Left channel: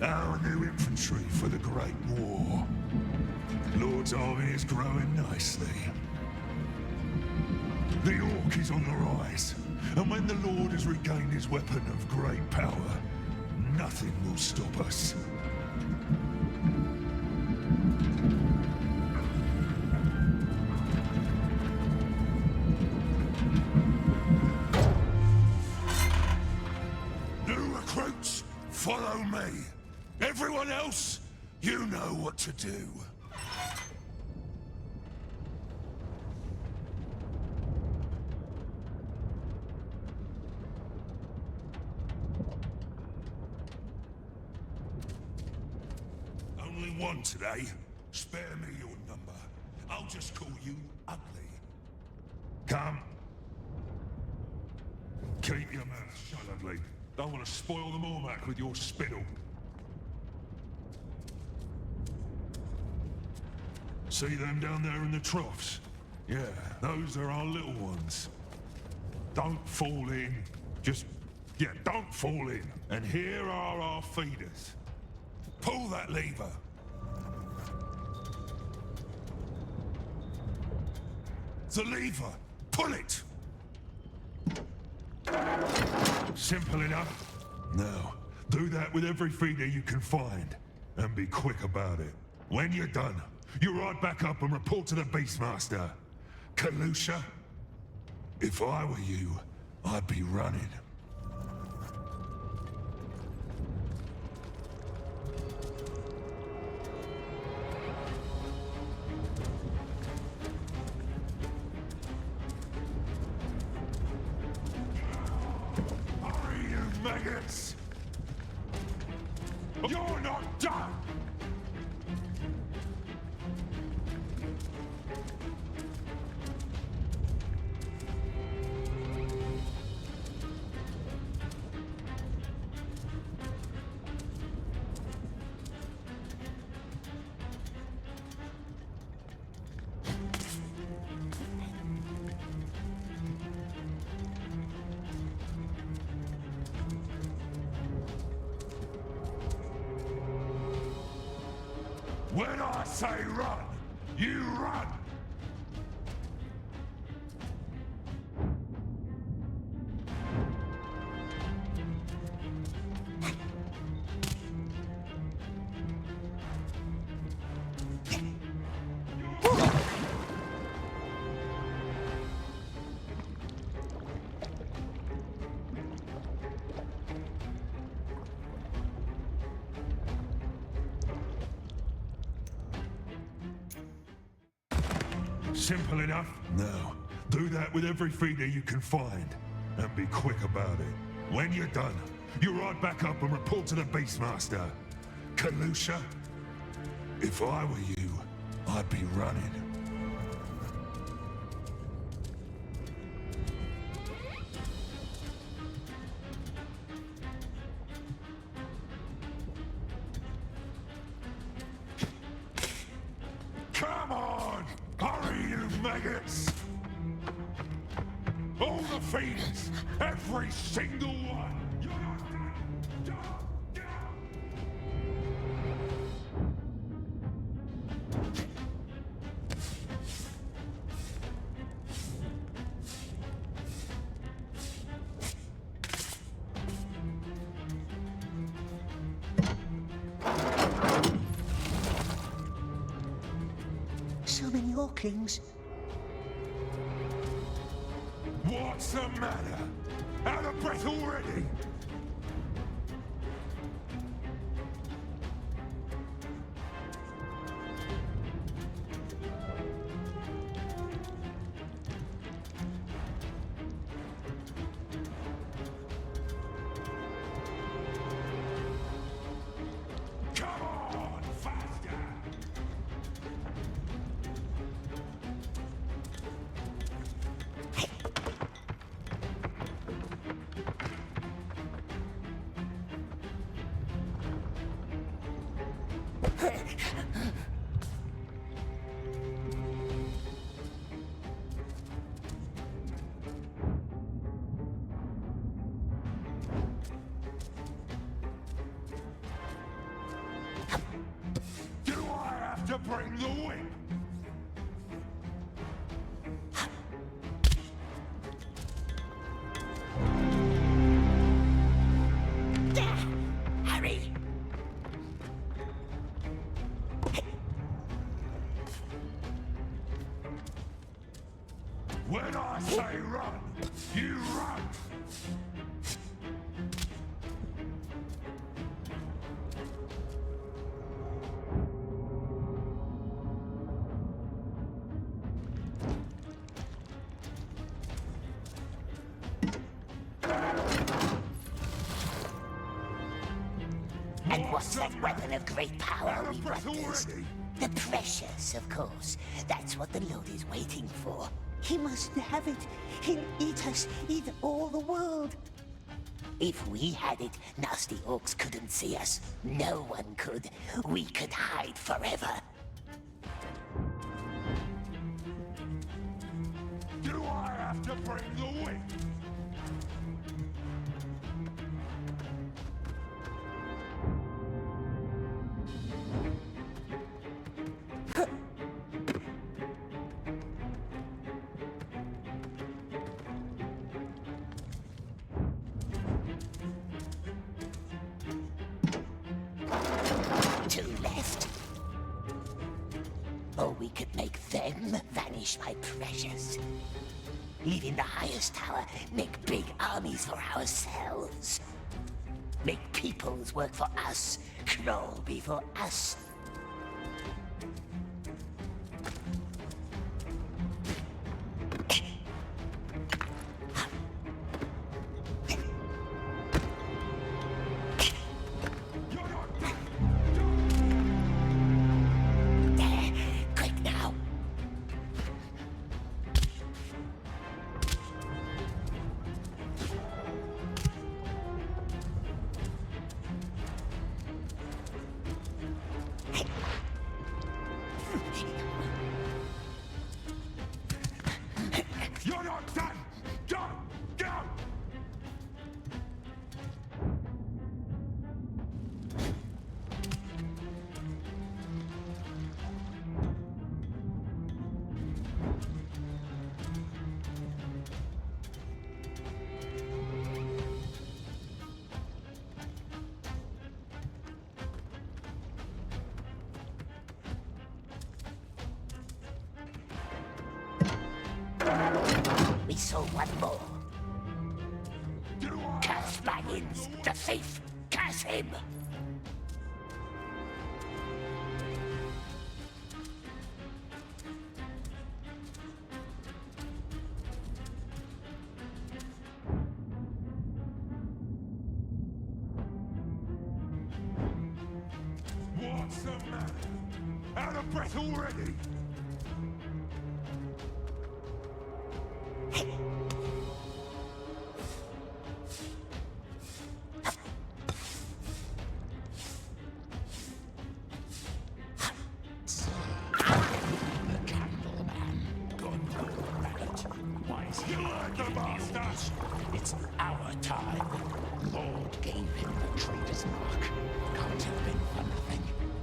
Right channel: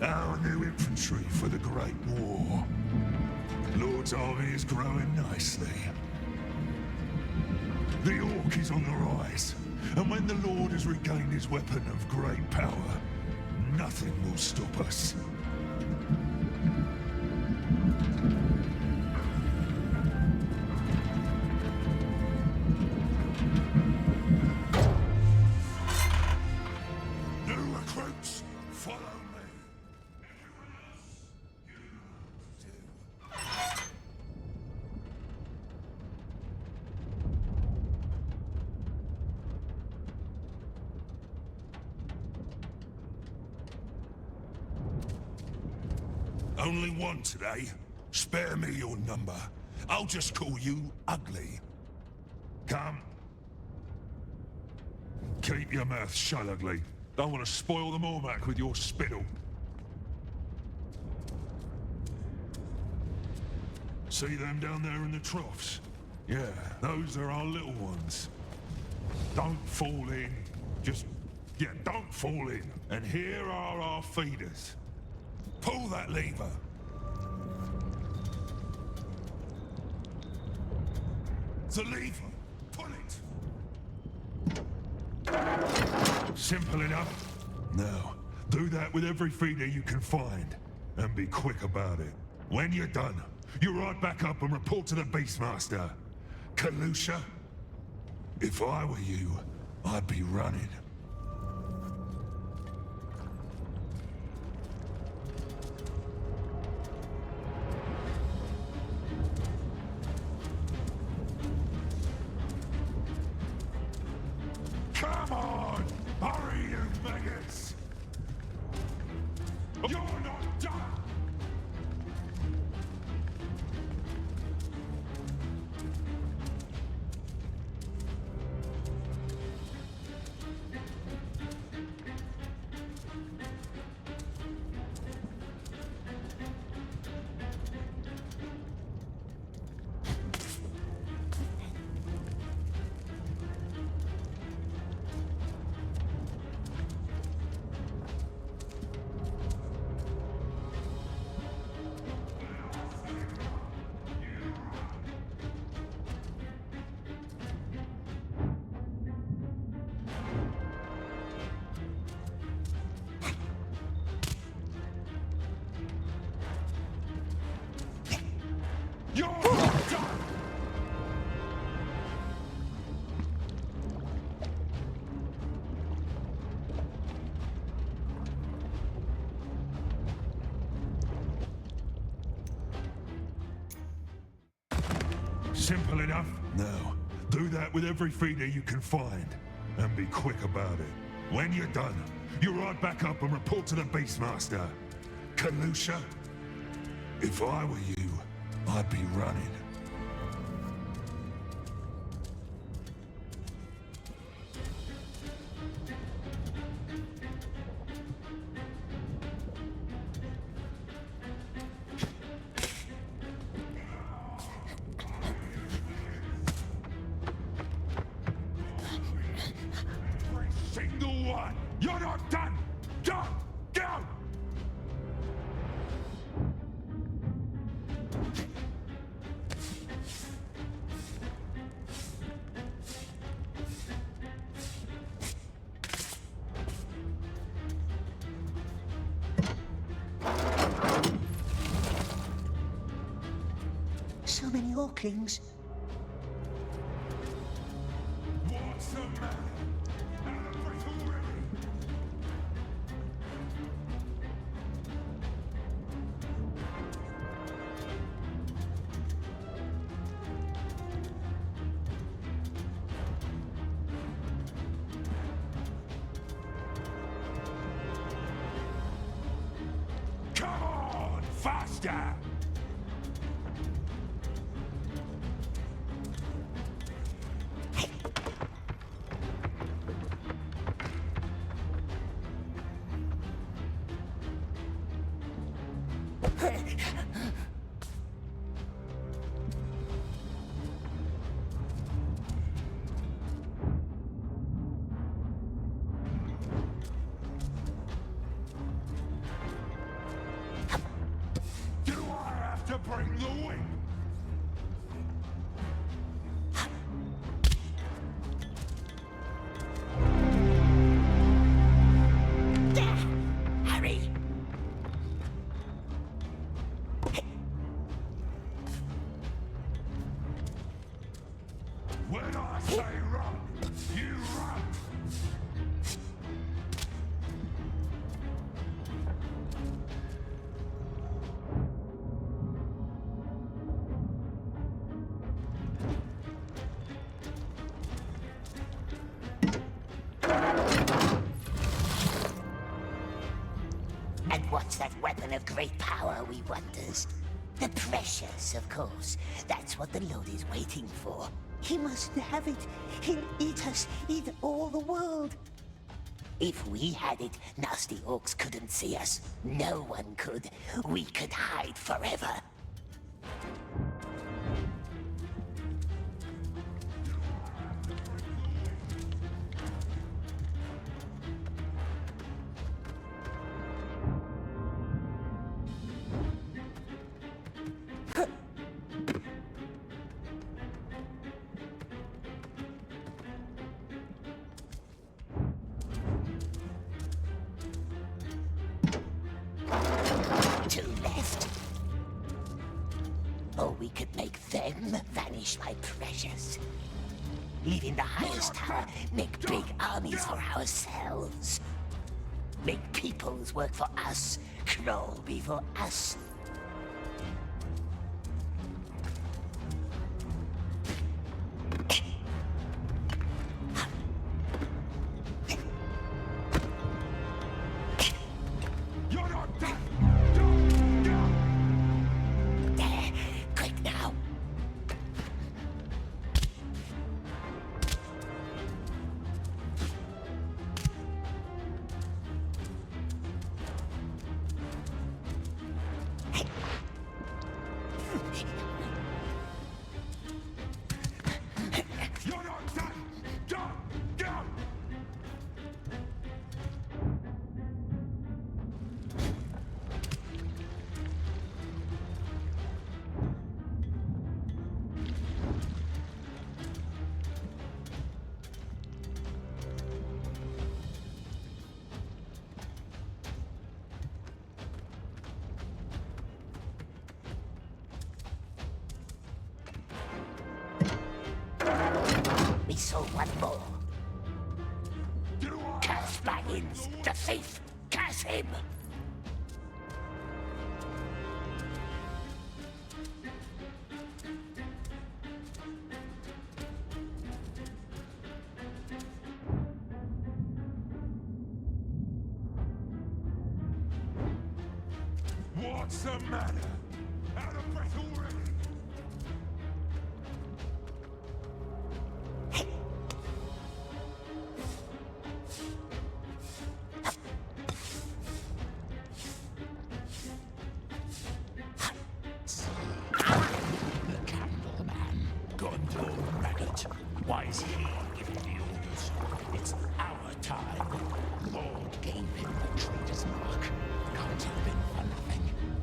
Our new infantry for the Great War. Lord's army is growing nicely. The Orc is on the rise, and when the Lord has regained his weapon of great power, nothing will stop us. New recruits, follow me. Everyone else, you know what to do. Only one today. Spare me your number. I'll just call you Ugly. Come. Keep your mouth shut, Ugly. Don't want to spoil the Mormac with your spittle. See them down there in the troughs? Yeah, those are our little ones. Don't fall in. Don't fall in. And here are our feeders. Pull that lever. The lever. Pull it. Simple enough. Now, do that with every feeder you can find. And be quick about it. When you're done, you ride back up and report to the Beastmaster. Kalusha, if I were you, I'd be running. Come on! Hurry, you maggots! You're not done! When I say run, you run! Simple enough? Now, do that with every feeder you can find. And be quick about it. When you're done, you ride back up and report to the Beastmaster. Kalusha, if I were you, I'd be running. Every single one! You're not done! Go! Go! So many Orklings. What's the matter? Out of breath already? Come on, faster! bring the whip! Hurry! When I say run, you run! And what's that weapon of great power we wonders? The precious, of course. That's what the Lord is waiting for. He must have it. He'll eat us, eat all the world. If we had it, nasty orcs couldn't see us. No one could. We could hide forever. Do I have to bring the whip? Two left. Or we could make them vanish, my precious. Leaving the highest tower, make big armies for ourselves. Make peoples work for us, crawl before us. You're not done! There, quick now. You're not done! Go! Go! We saw one more. Do I Curse have to bring Baggins, the the whip? thief. Curse him. What's the matter? Out of breath already? The Candleman, Gondor Maggot. Why is he giving the orders? It's our time. Lord gave him the traitor's mark. Can't have been for nothing.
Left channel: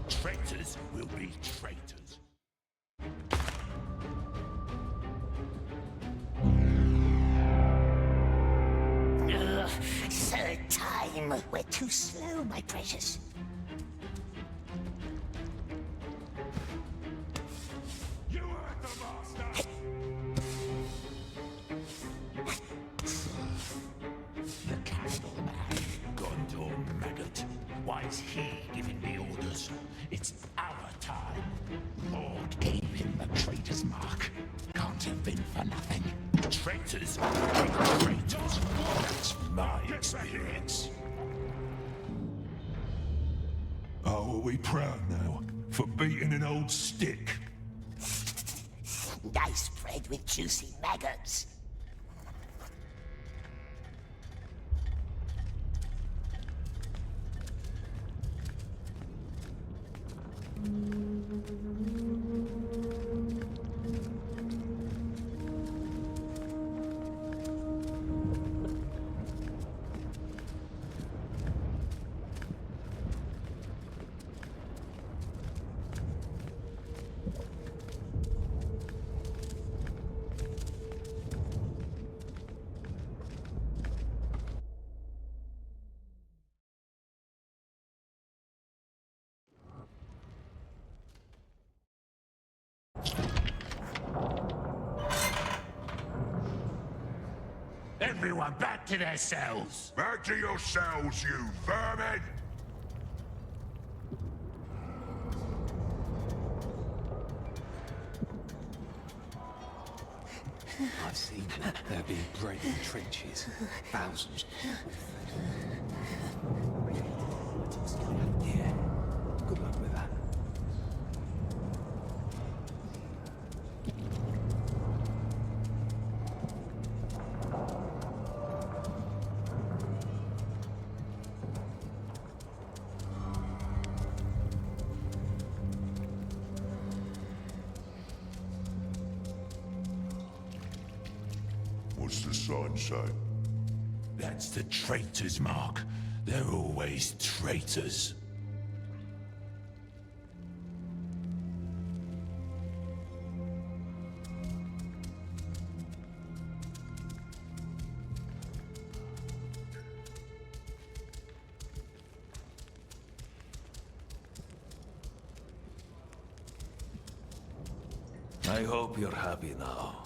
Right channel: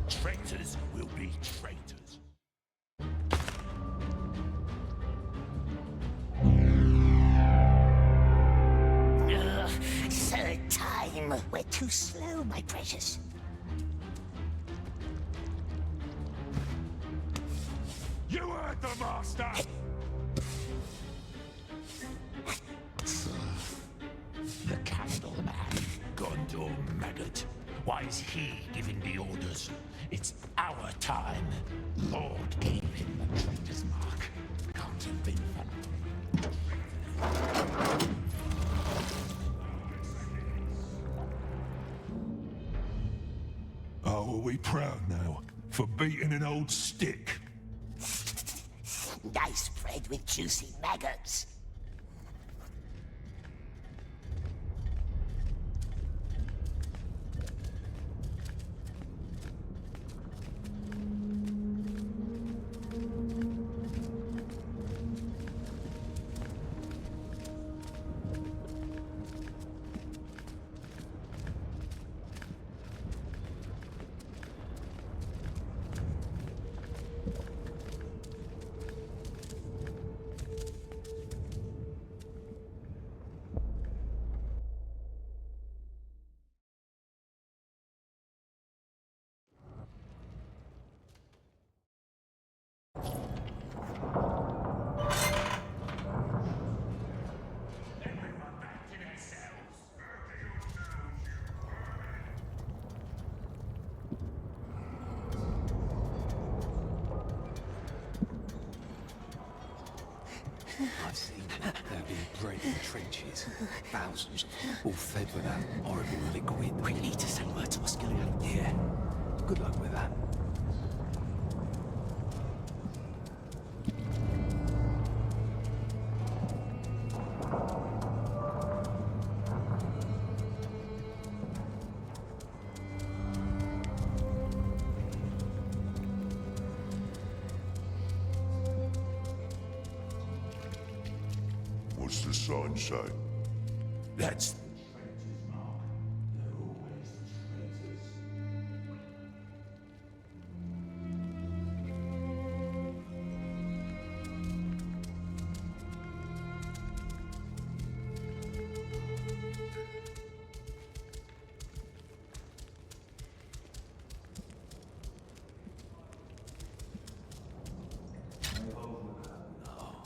Traitors will be traitors. Ugh, third time. We're too slow, my precious. You heard the master! The Candleman, Gondor Maggot. Why is he giving the orders? It's our time. Lord gave him the traitor's mark. Can't have been for nothing. Traitors will be traitors. That's my experience. Oh, are we proud now? For beating an old stick? Nice bread with juicy maggots. Everyone back to their cells! Back to your cells, you vermin! I've seen it. They're being bred in trenches. Thousands, all fed with that horrible liquid. We need to send word to Australia. Yeah. Good luck with that. What's the sign say? That's the traitor's mark. They're always traitors. I hope you're happy now.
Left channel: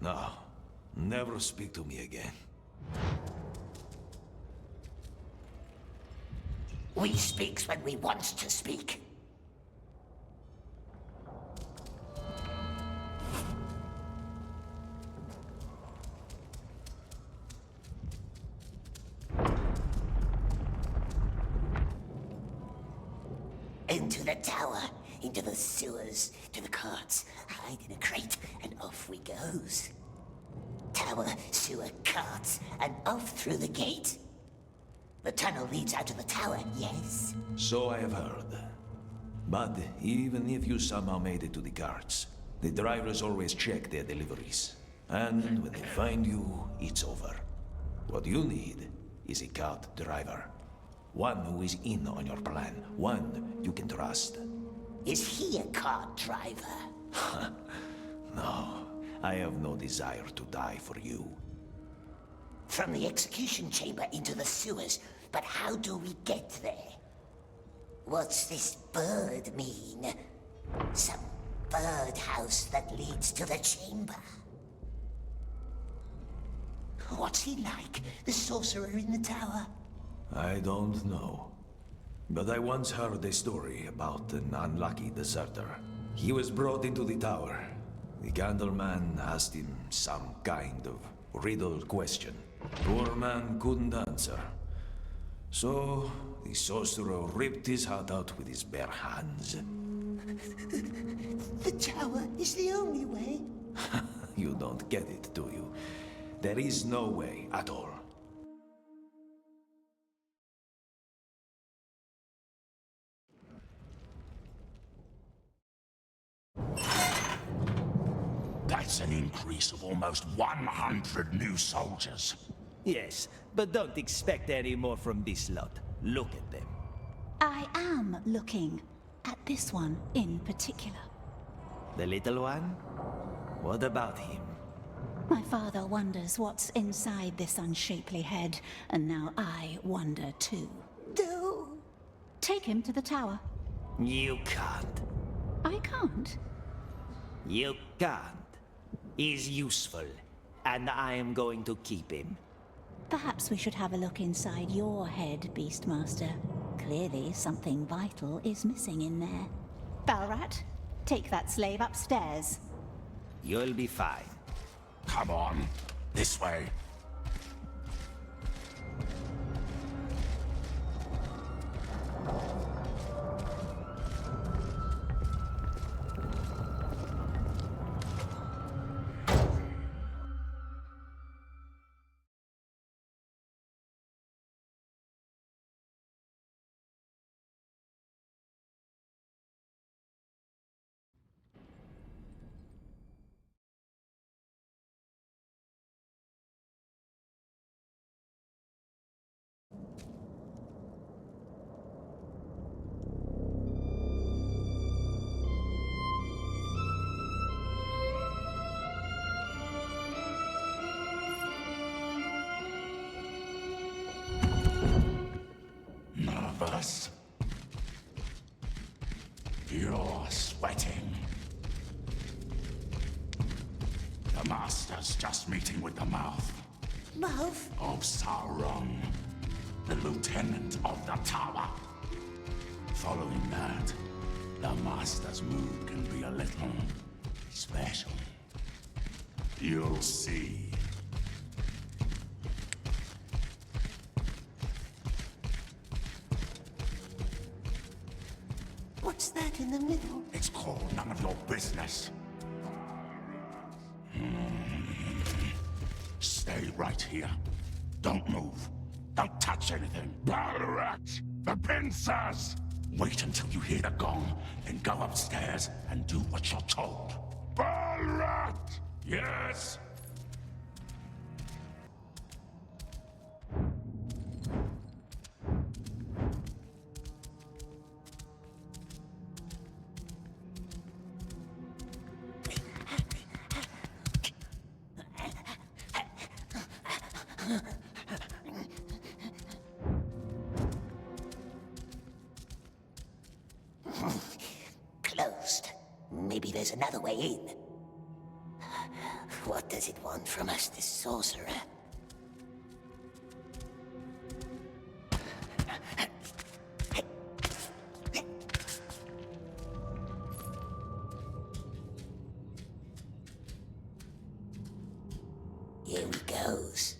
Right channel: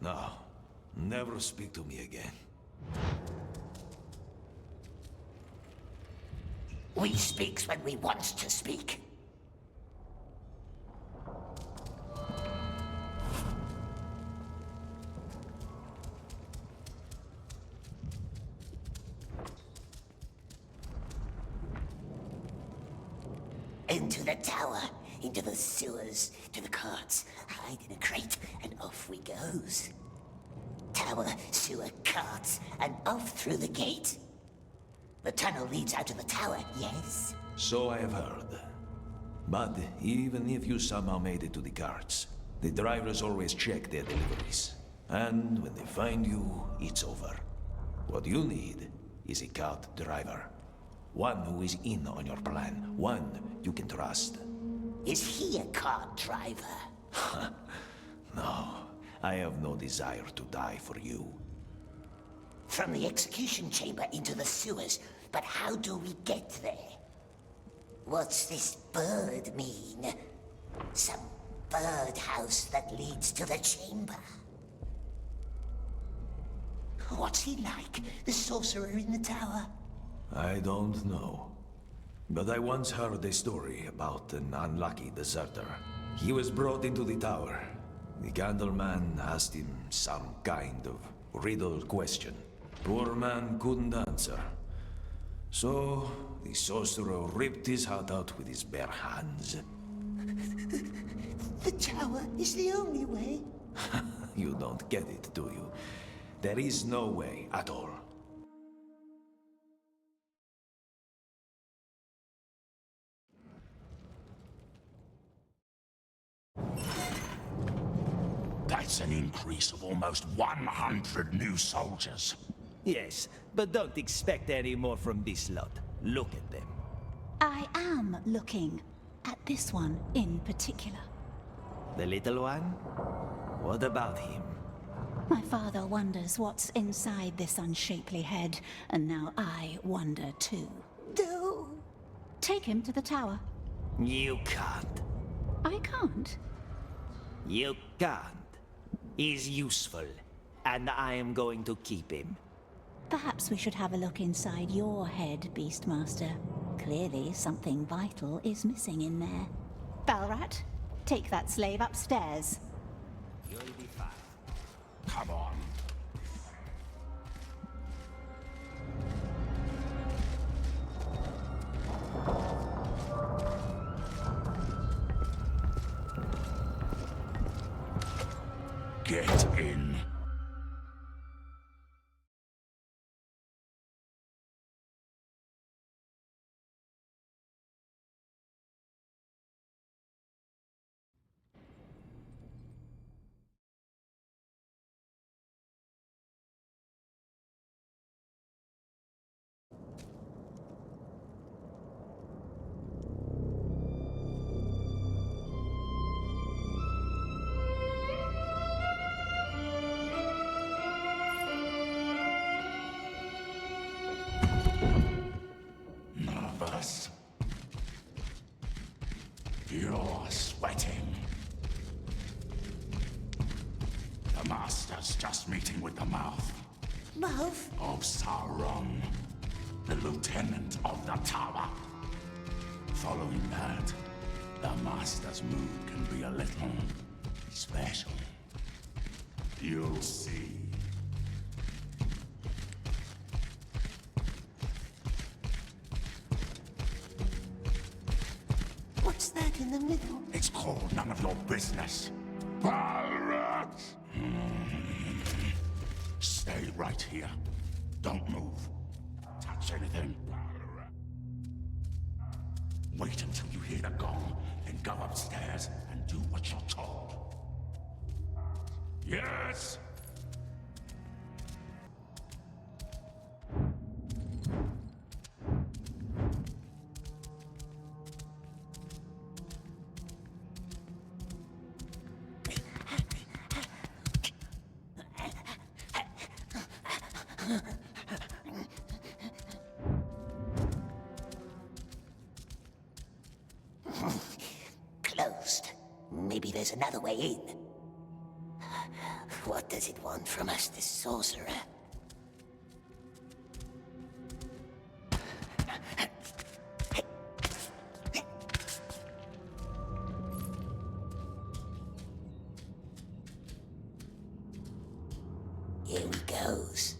No, never speak to me again. We speaks when we wants to speak. Into the tower, into the sewers, to the carts, hide in a crate, and off we goes. Tower, sewer, carts, and off through the gate. The tunnel leads out to the tower, yes? So I have heard. But even if you somehow made it to the carts, the drivers always check their deliveries. And when they find you, it's over. What you need is a cart driver. One who is in on your plan. One you can trust. Is he a cart driver? No, I have no desire to die for you. From the execution chamber into the sewers, but how do we get there? What's this bird mean? Some birdhouse that leads to the chamber? What's he like, the sorcerer in the tower? I don't know. But I once heard a story about an unlucky deserter. He was brought into the tower. The Candleman asked him some kind of riddle question. Poor man couldn't answer. So, the sorcerer ripped his heart out with his bare hands. The tower is the only way. You don't get it, do you? There is no way at all. That's an increase of almost 100 new soldiers. Yes, but don't expect any more from this lot. Look at them. I am looking at this one in particular. The little one? What about him? My father wonders what's inside this unshapely head, and now I wonder too. No. Take him to the tower. You can't. I can't. You can't. He's useful, and I am going to keep him. Perhaps we should have a look inside your head, Beastmaster. Clearly something vital is missing in there. Balrat, take that slave upstairs. You'll be fine. Come on, this way. Get in. Nervous? You're sweating. Master's just meeting with the mouth Mouth? of Sauron, the lieutenant of the tower. Following that, the Master's mood can be a little special. You'll see. What's that in the middle? It's called none of your business. Balrat! Stay right here. Don't move. Don't touch anything. Balrat! The pincers! Wait until you hear the gong, then go upstairs and do what you're told. Balrat! Yes? Closed. Maybe there's another way in. What does it want from us, this sorcerer? Here he goes.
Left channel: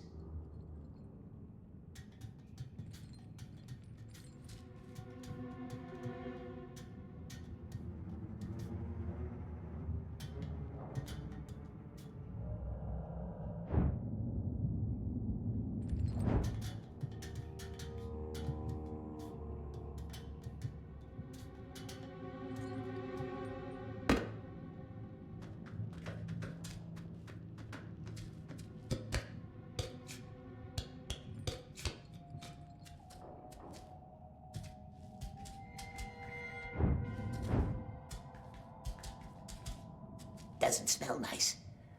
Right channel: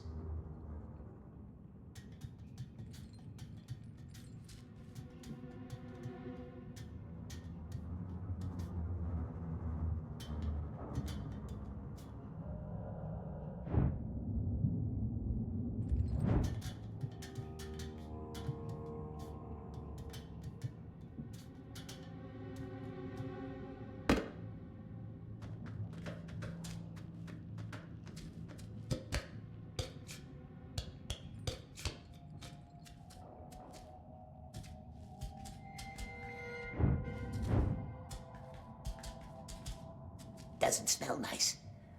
Doesn't smell nice,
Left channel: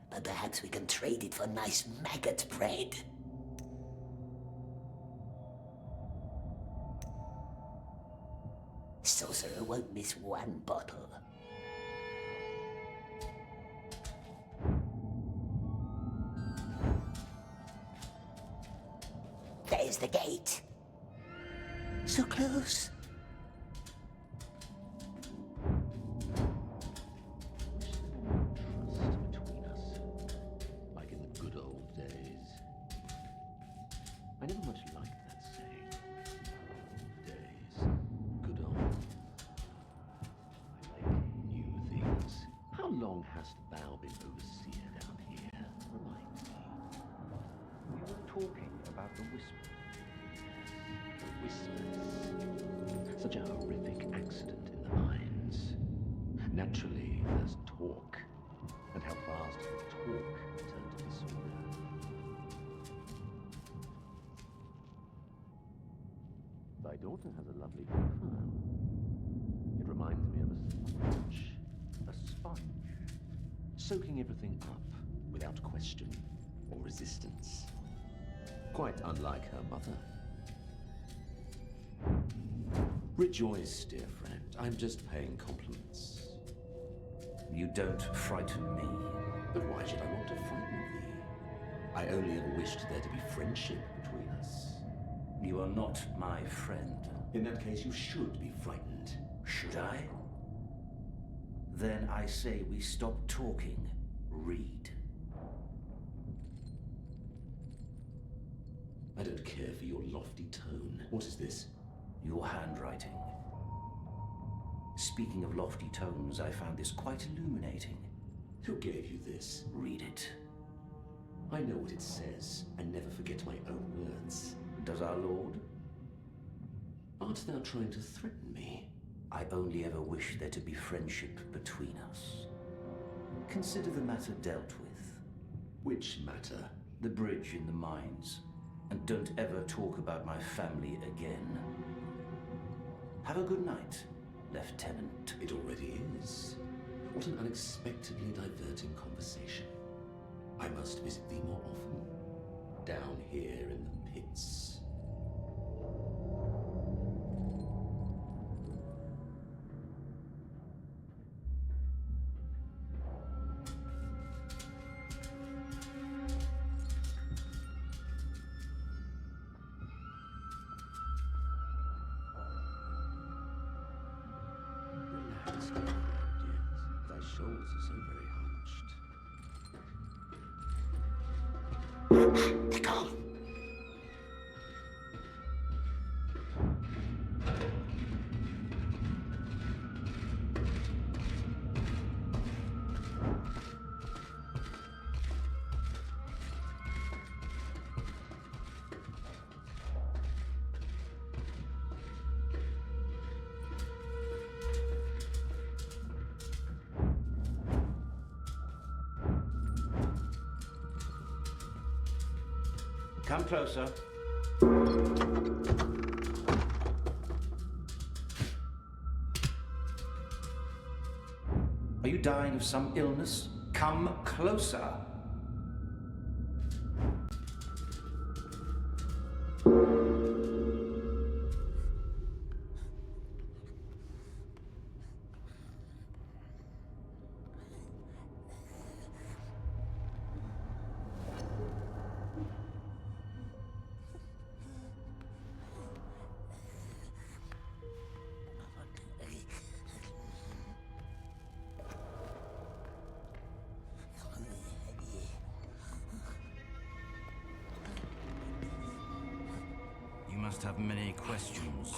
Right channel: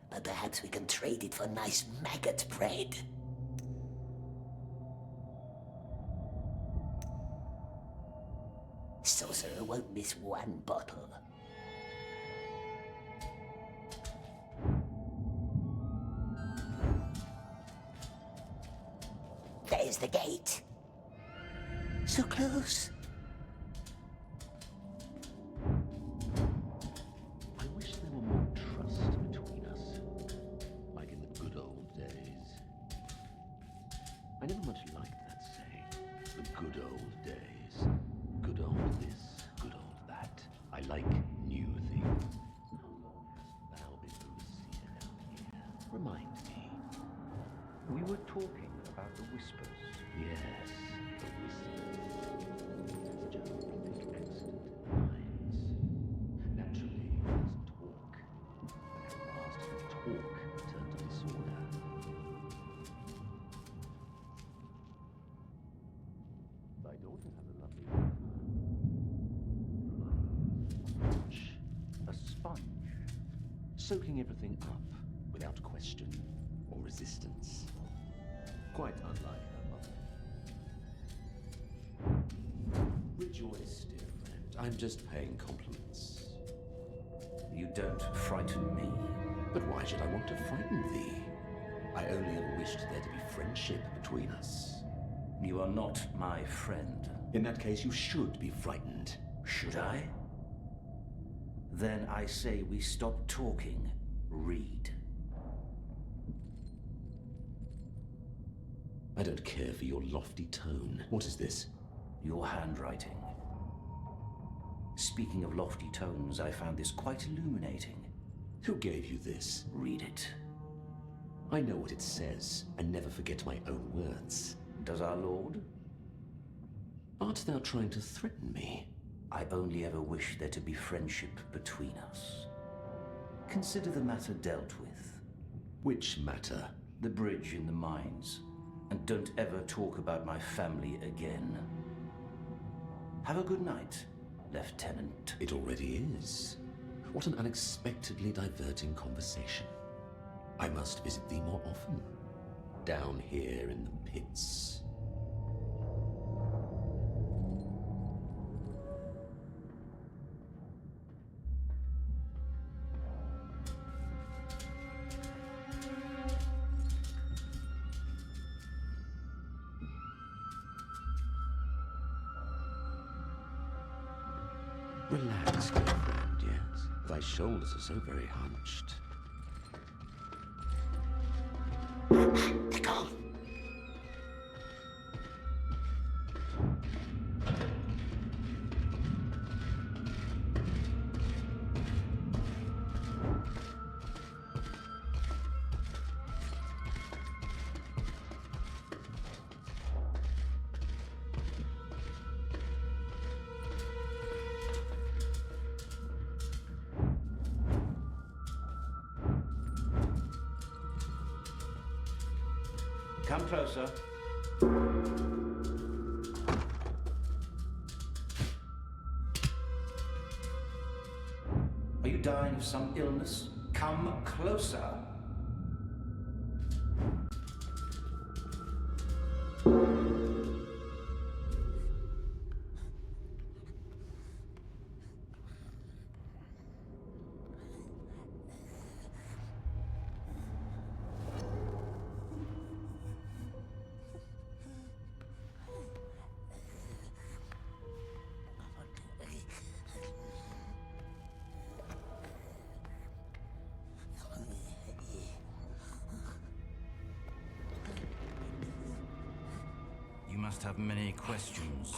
but perhaps we can trade it for nice maggot bread. Sorcerer won't miss one bottle. There's the gate. So close. I wish there were more trust between us, like in the good old days. I never much liked that saying, the good old days. Good old this, good old that. I like new things. How long hast thou been overseer down here? Remind me. We were talking about the Whispers. Yes, the Whispers. Such a horrific accident in the mines. Naturally, there's talk. And how fast can talk turn to disorder? Thy daughter has a lovely profile. It reminds me of a sponge. A sponge. Soaking everything up without question or resistance. Quite unlike her mother. Rejoice, dear friend. I'm just paying compliments. You don't frighten me. But why should I want to frighten thee? I only ever wished there to be friendship between us. You are not my friend. In that case, you should be frightened. Should I? Then I say we stop talking. Read. I don't care for your lofty tone. What is this? Your handwriting. Speaking of lofty tones, I found this quite illuminating. Who gave you this? Read it. I know what it says, and never forget my own words. Does our Lord? Art thou trying to threaten me? I only ever wish there to be friendship between us. Consider the matter dealt with. Which matter? The bridge in the mines. And don't ever talk about my family again. Have a good night, Lieutenant. It already is. What an unexpectedly diverting conversation. I must visit thee more often. Down here in the pits. thy shoulders are so very hunched. They're gone. Come closer. Are you dying of some illness? Come closer. You must have many questions.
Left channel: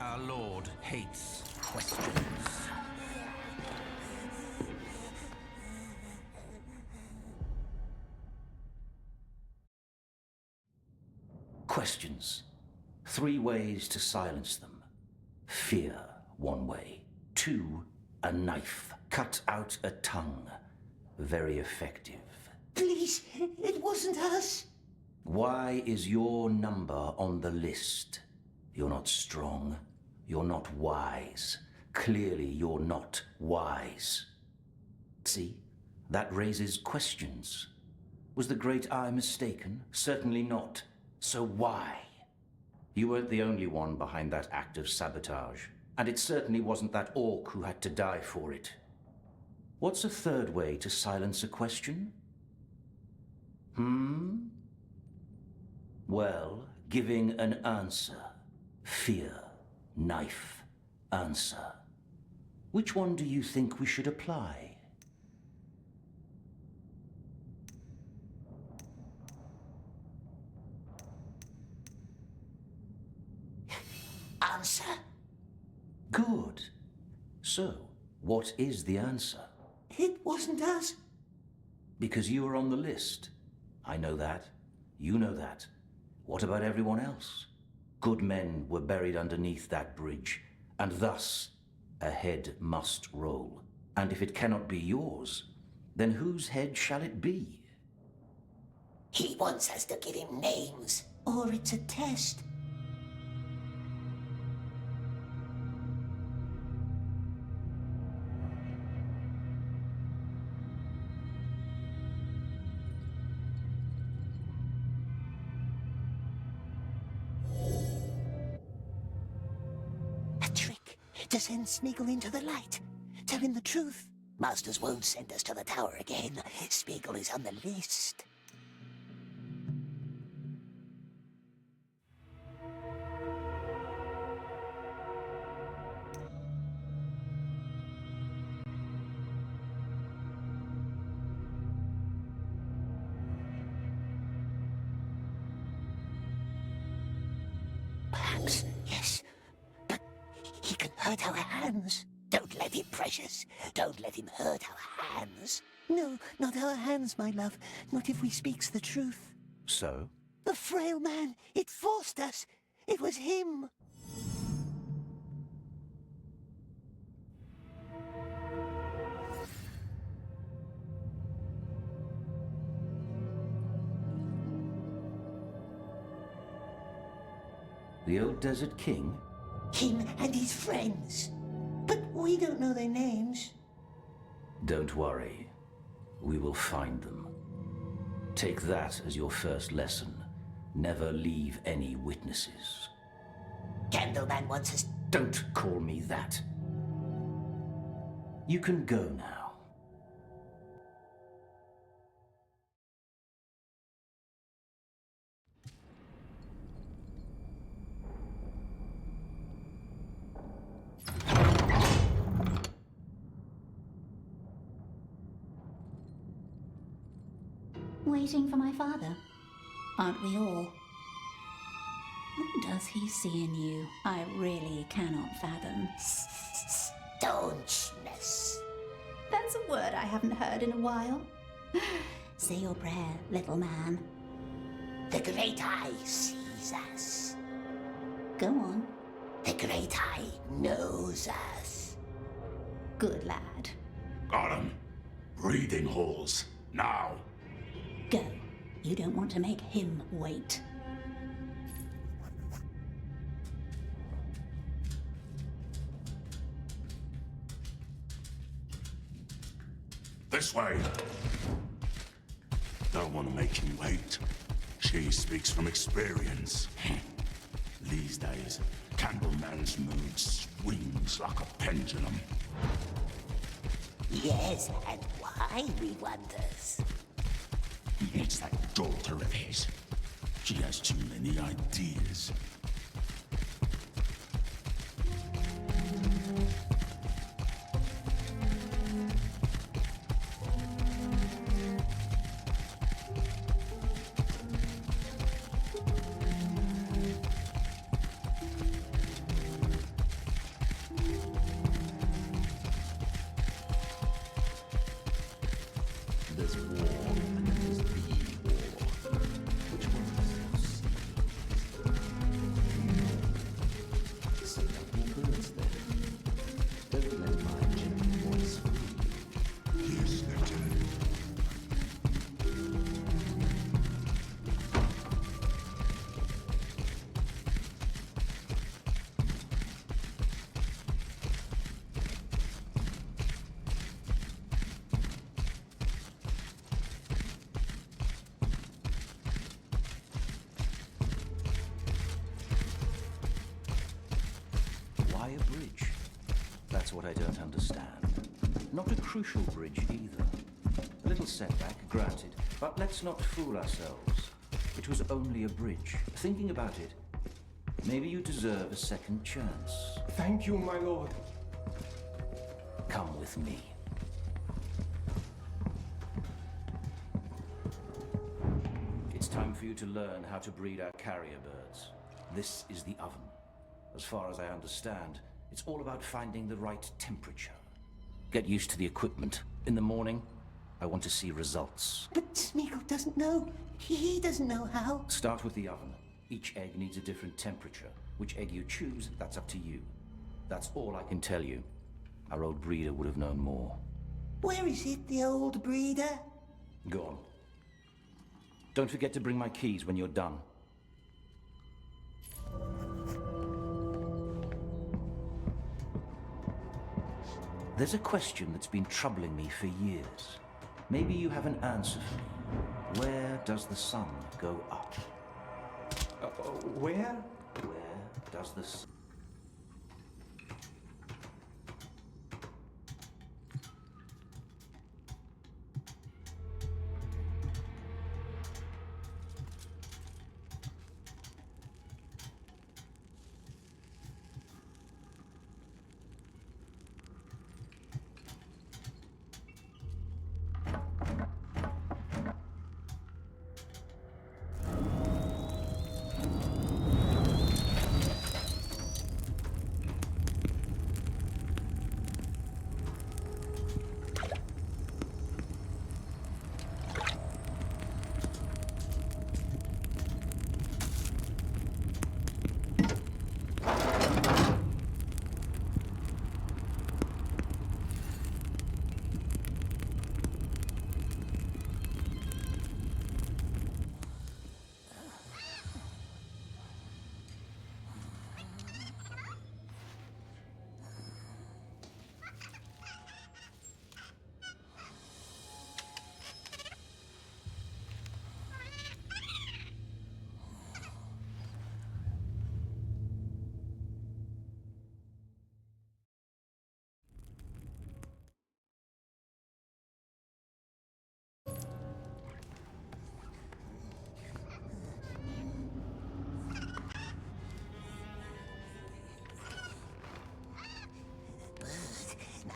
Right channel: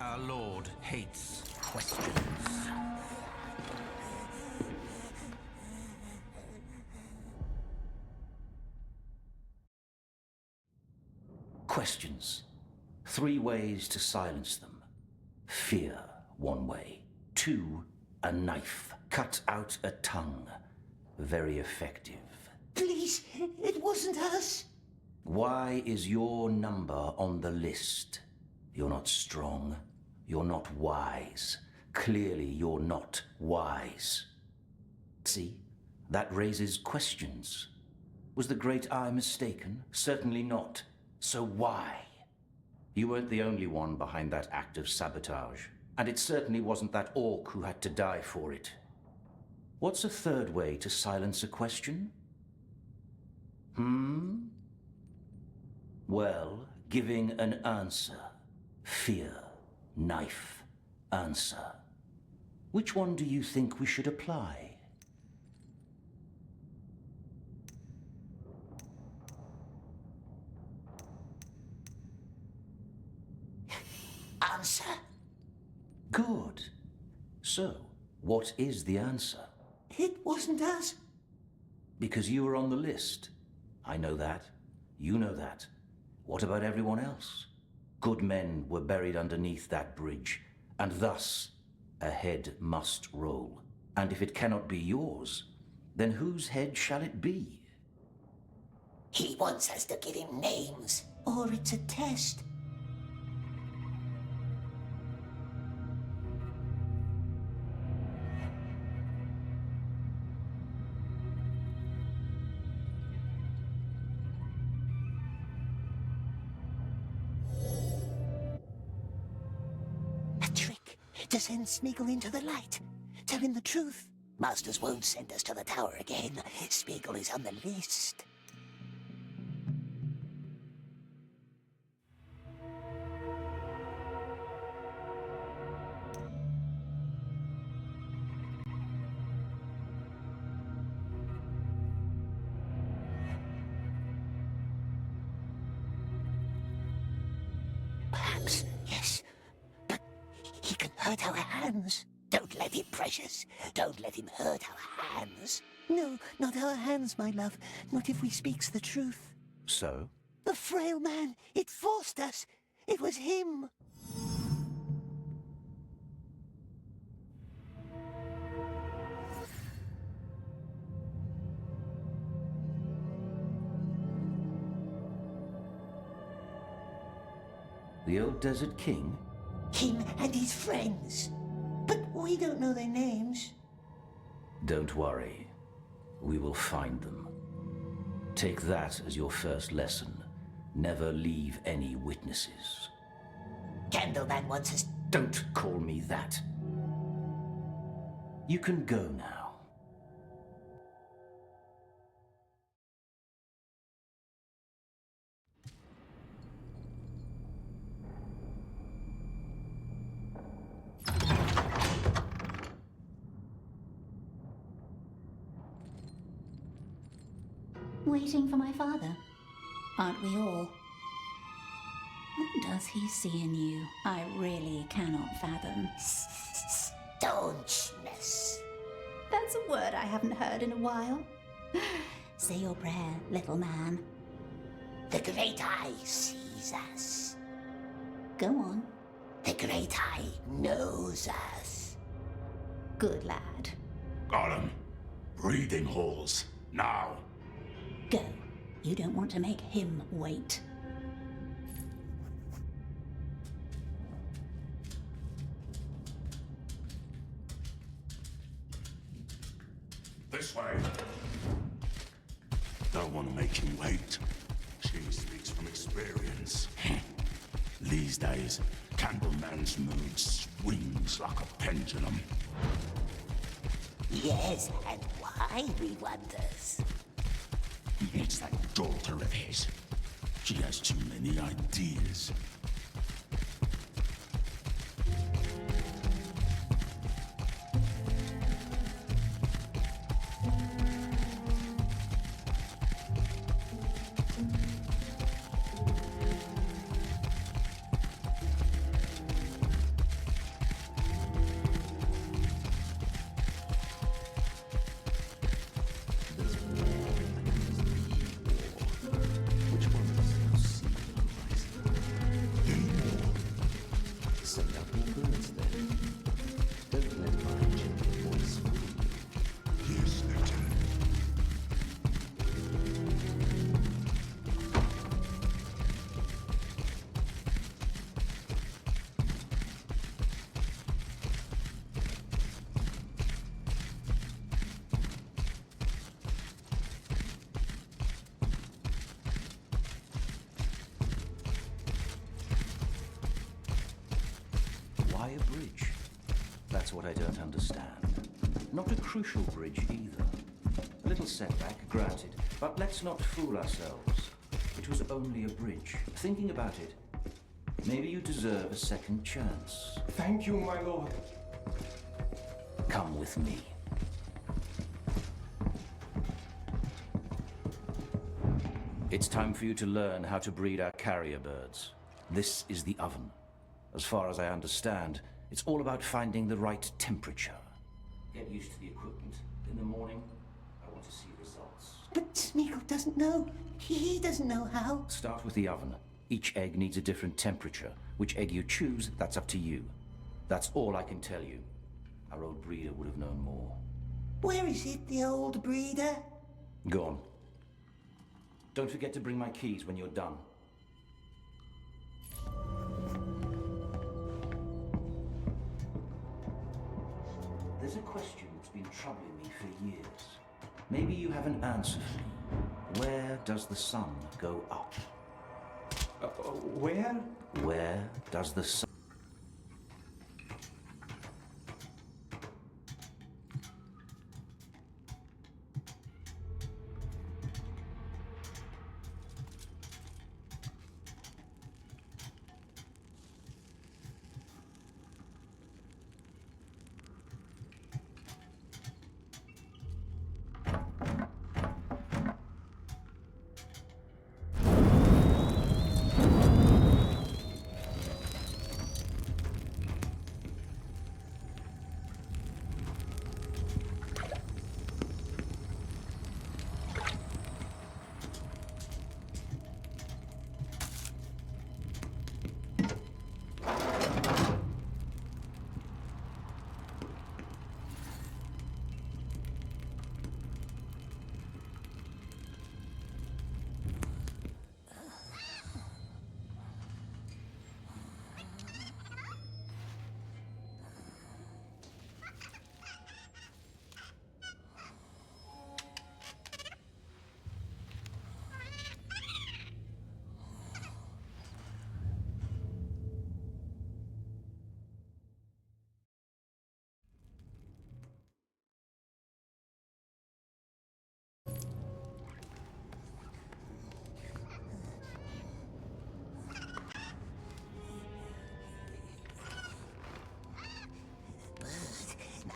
Our Lord hates questions. Questions. 3 ways to silence them. Fear, 1 way. 2, a knife. Cut out a tongue. Very effective. Please, it wasn't us. Why is your number on the list? You're not strong. You're not wise. Clearly, you're not wise. See? That raises questions. Was the Great Eye mistaken? Certainly not. So why? You weren't the only one behind that act of sabotage. And it certainly wasn't that orc who had to die for it. What's a 3rd way to silence a question? Well, giving an answer. Fear, knife, answer. Which one do you think we should apply? Answer. Good. So, what is the answer? It wasn't us. Because you were on the list. I know that. You know that. What about everyone else? Good men were buried underneath that bridge, and thus a head must roll. And if it cannot be yours, then whose head shall it be? He wants us to give him names. Or it's a test. A trick to send Smeagol into the light. Tell him the truth. Masters won't send us to the tower again. Smeagol is on the list. Perhaps, yes. But he can hurt our hands. Don't let him, Precious. Don't let him hurt our hands. No, not our hands, my love. Not if we speaks the truth. So? The frail man, it forced us. It was him. The old Desert King? Him and his friends. But we don't know their names. Don't worry. We will find them. Take that as your first lesson. Never leave any witnesses. Candleman wants us. Don't call me that. You can go now. Waiting for my father. Aren't we all? What does he see in you? I really cannot fathom. Staunchness. That's a word I haven't heard in a while. Say your prayer, little man. The Great Eye sees us. Go on. The Great Eye knows us. Good lad. Gollum, breathing halls, now. Go. You don't want to make him wait. This way. Don't want to make him wait. She speaks from experience. These days, Candleman's mood swings like a pendulum. Yes, and why, we wonders? It's that daughter of his. She has too many ideas. There's war, and then there's the war. Which one does you see? Send out more birds then. Don't let my gentle voice fool you. Yes, Lieutenant. Why a bridge? That's what I don't understand. Not a crucial bridge either. A little setback, granted, but let's not fool ourselves. It was only a bridge. Thinking about it, maybe you deserve a second chance. Thank you, my lord. Come with me. It's time for you to learn how to breed our carrier birds. This is the oven. As far as I understand, it's all about finding the right temperature. Get used to the equipment. In the morning, I want to see results. But Smeagol doesn't know. He doesn't know how. Start with the oven. Each egg needs a different temperature. Which egg you choose, that's up to you. That's all I can tell you. Our old breeder would have known more. Where is it, the old breeder? Go on. Don't forget to bring my keys when you're done. There's a question that's been troubling me for years. Maybe you have an answer for me. Where does the sun go up? Where? Where does the sun...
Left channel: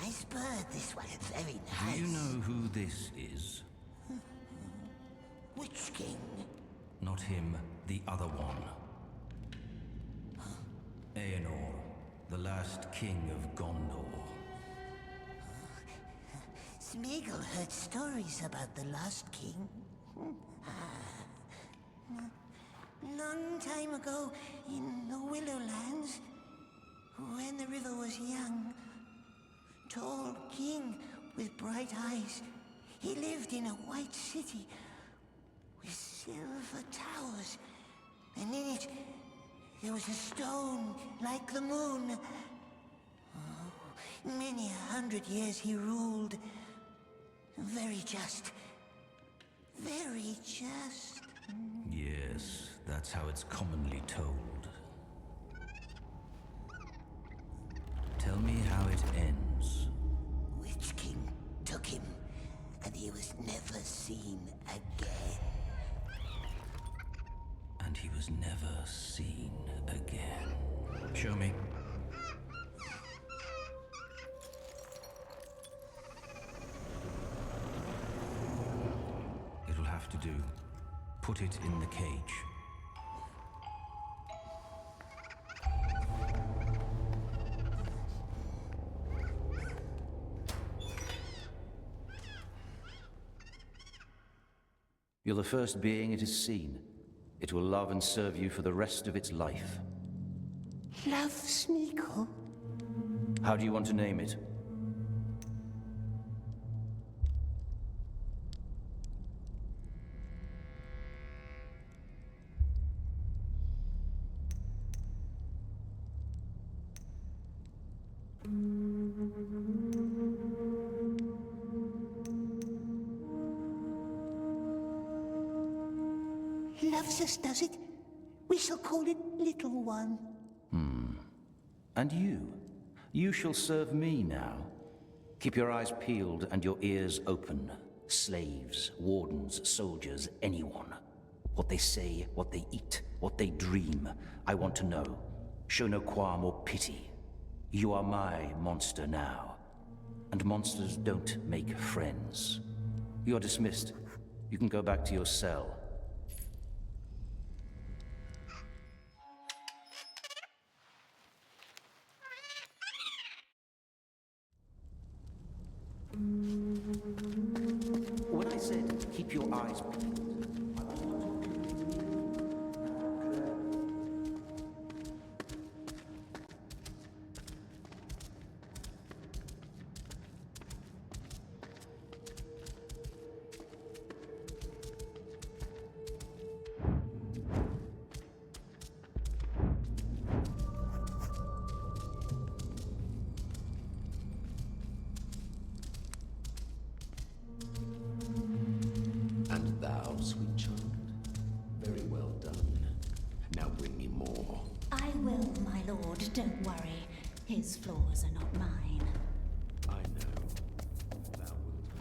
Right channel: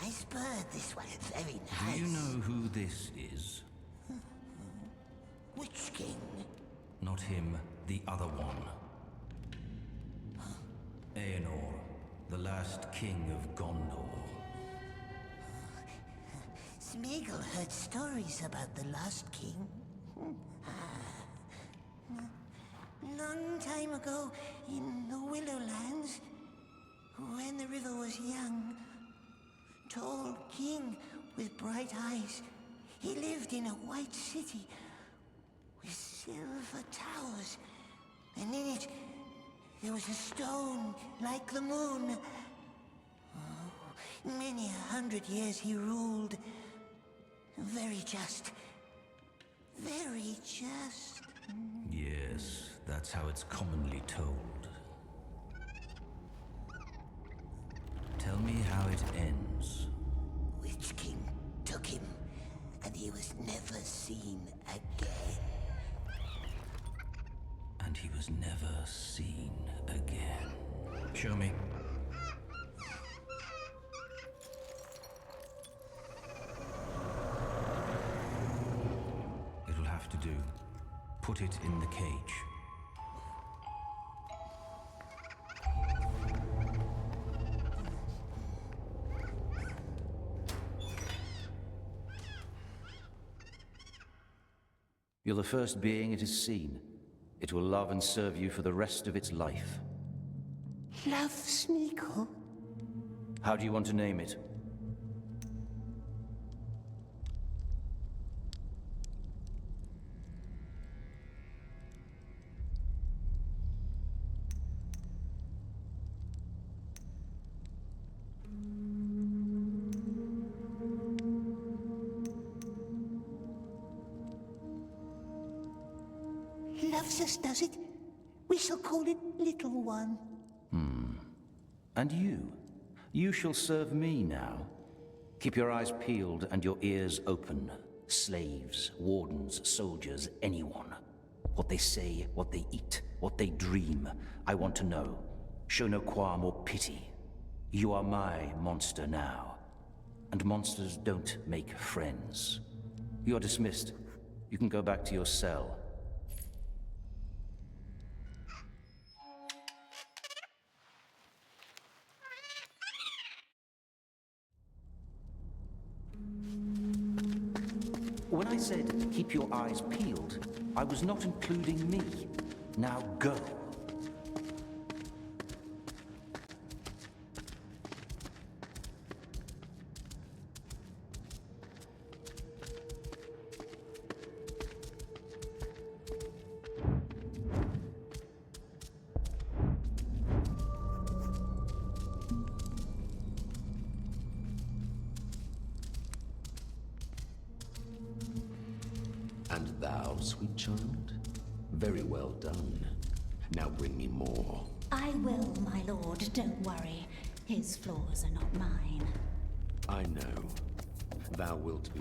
Nice bird, this one. Very nice. Do you know who this is? him the other one. Aenor, the last king of Gondor. Smeagol heard stories about the Lost King. Long time ago, in the Willowlands, when the river was young, tall king with bright eyes, he lived in a white city with silver towers, and in it there was a stone like the moon. Oh, many 100 years he ruled. Very just. Very just. Yes, that's how it's commonly told. Tell me how it ends. Witch King took him, and he was never seen again. And he was never seen again. Show me. It'll have to do. Put it in the cage. You're the first being it has seen. It will love and serve you for the rest of its life. Love Smeagol? How do you want to name it? Loves us, does it? We shall call it Little One. And you? You shall serve me now. Keep your eyes peeled and your ears open. Slaves, wardens, soldiers, anyone. What they say, what they eat, what they dream, I want to know. Show no qualm or pity. You are my monster now. And monsters don't make friends. You're dismissed. You can go back to your cell. When I said keep your eyes peeled, I was not including me. Now go. And thou, sweet child? Very well done. Now bring me more. I will, my lord, don't worry. His flaws are not mine. I know. Thou wilt be.